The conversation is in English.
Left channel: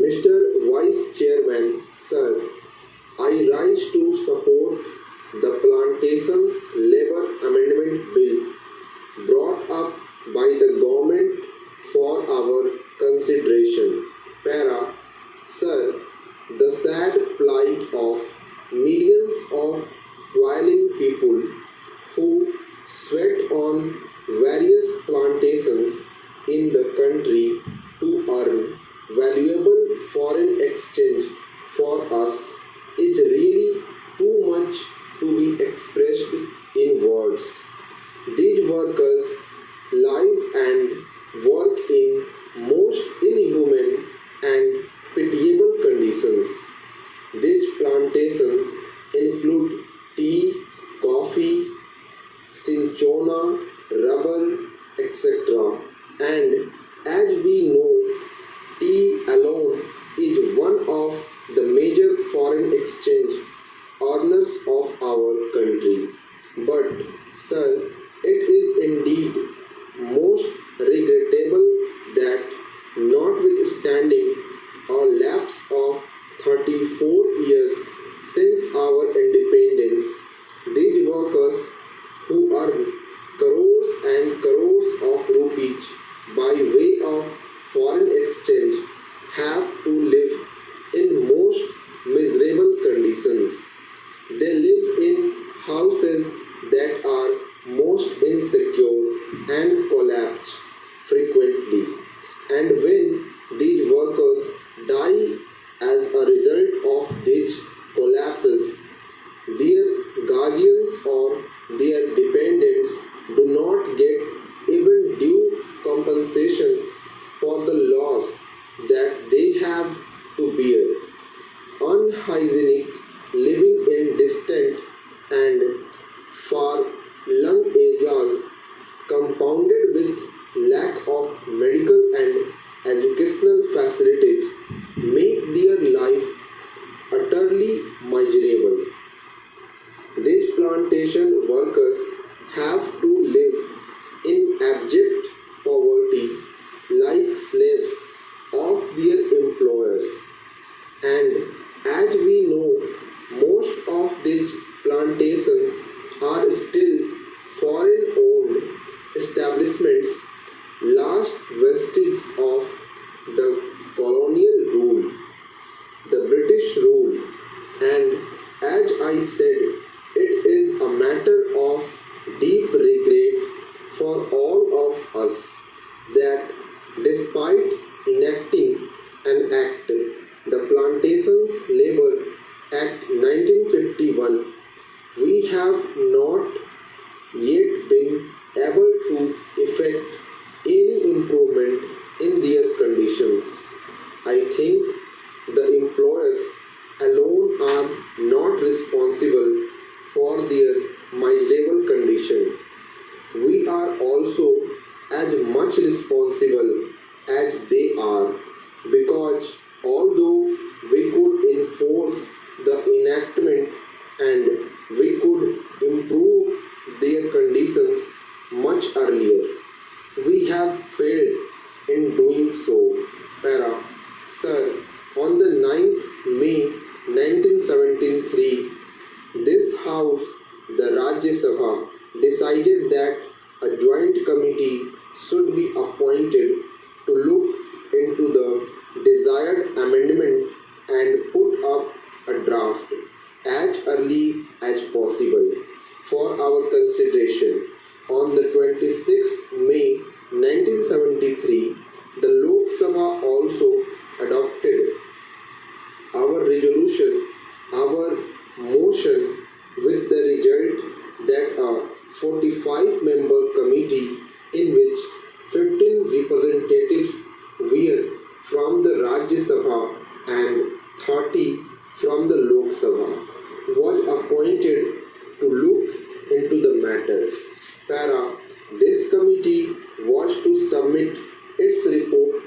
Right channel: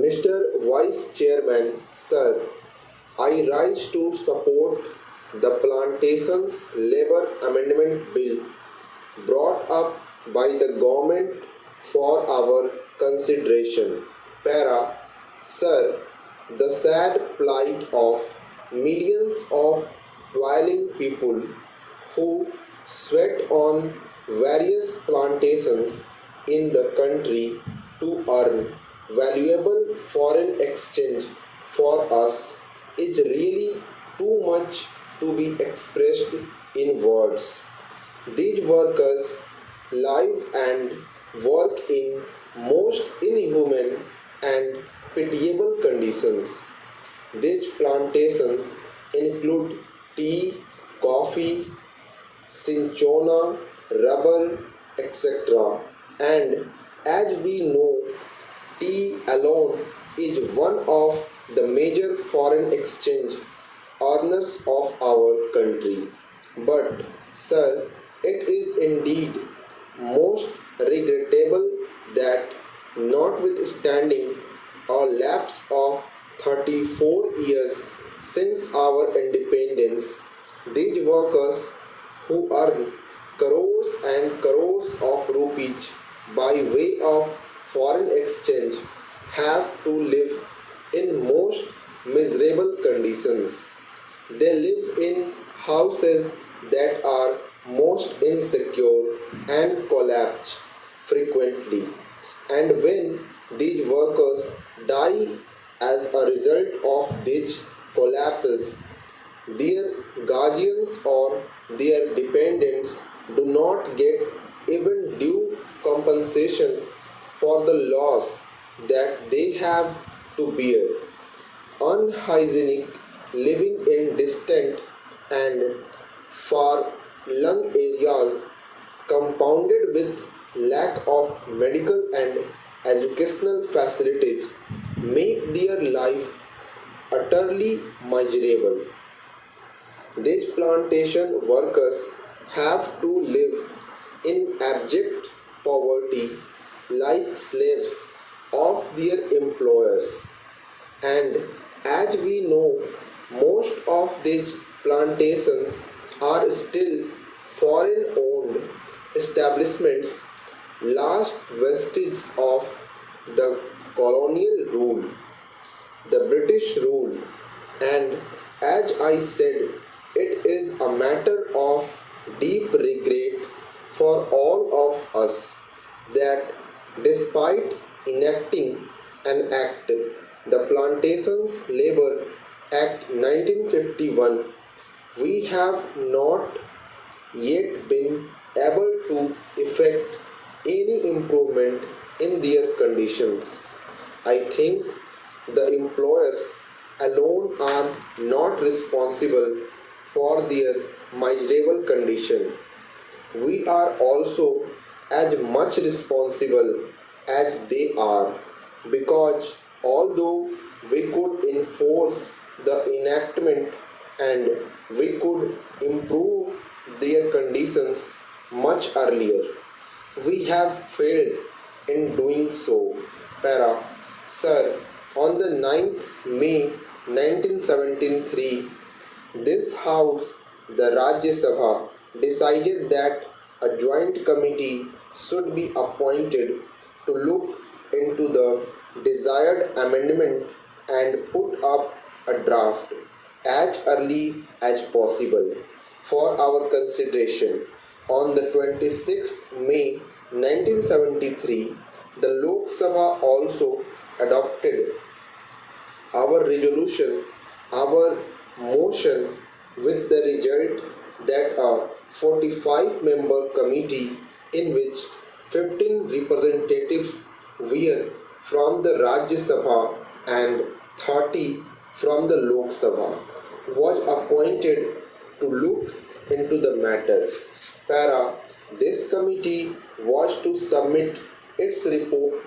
Mr. Vice Chairman, Sir, I rise to support the Plantations Labour Amendment Bill brought up by the government for our consideration. Para, Sir, the sad plight of millions of toiling people who sweat on various plantations in the country to earn valuable foreign exchange for us is really too much to be expressed in words. These workers live and work in most inhuman and pitiable conditions. These plantations include tea, coffee, cinchona, rubber, etc. And as we know, tea alone is one of the major foreign exchange earners of our country. But, sir, it is indeed most regrettable that notwithstanding a lapse of 34 years since our independence, these workers who earn crores and crores of rupees by way of foreign exchange have to live in most miserable conditions. They live in houses that are most insecure and collapse frequently. And when these workers die as a result of these collapses, their guardians or their dependents do not get even due compensation for the loss that they have to bear. Unhygienic living in distant and far-flung areas compounded with lack of medical and educational facilities make their life utterly miserable. These plantation workers have to live in abject poverty like slaves of their employers. And as we know, most of these plantations are still foreign owned establishments, last vestiges of the colonial rule, the British rule, and as I said, it is a matter of deep regret for all of us that despite enacting an act, the Plantations Labor Act 1951, we have not yet been able to effect any improvement in their conditions. I think the employers alone are not responsible for their miserable condition. We are also as much responsible as they are because although we could enforce the enactment and we could improve their conditions much earlier, we have failed in doing so. Para, Sir, on the 9th May 1973, this House, the Rajya Sabha, decided that a joint committee should be appointed to look into the desired amendment and put up a draft as early as possible for our consideration. On the 26th May 1973, the Lok Sabha also adopted our resolution, our motion, with the result that a 45-member committee in which 15 representatives were from the Rajya Sabha and 30 from the Lok Sabha was appointed to look into the matter. Para, this committee was to submit its report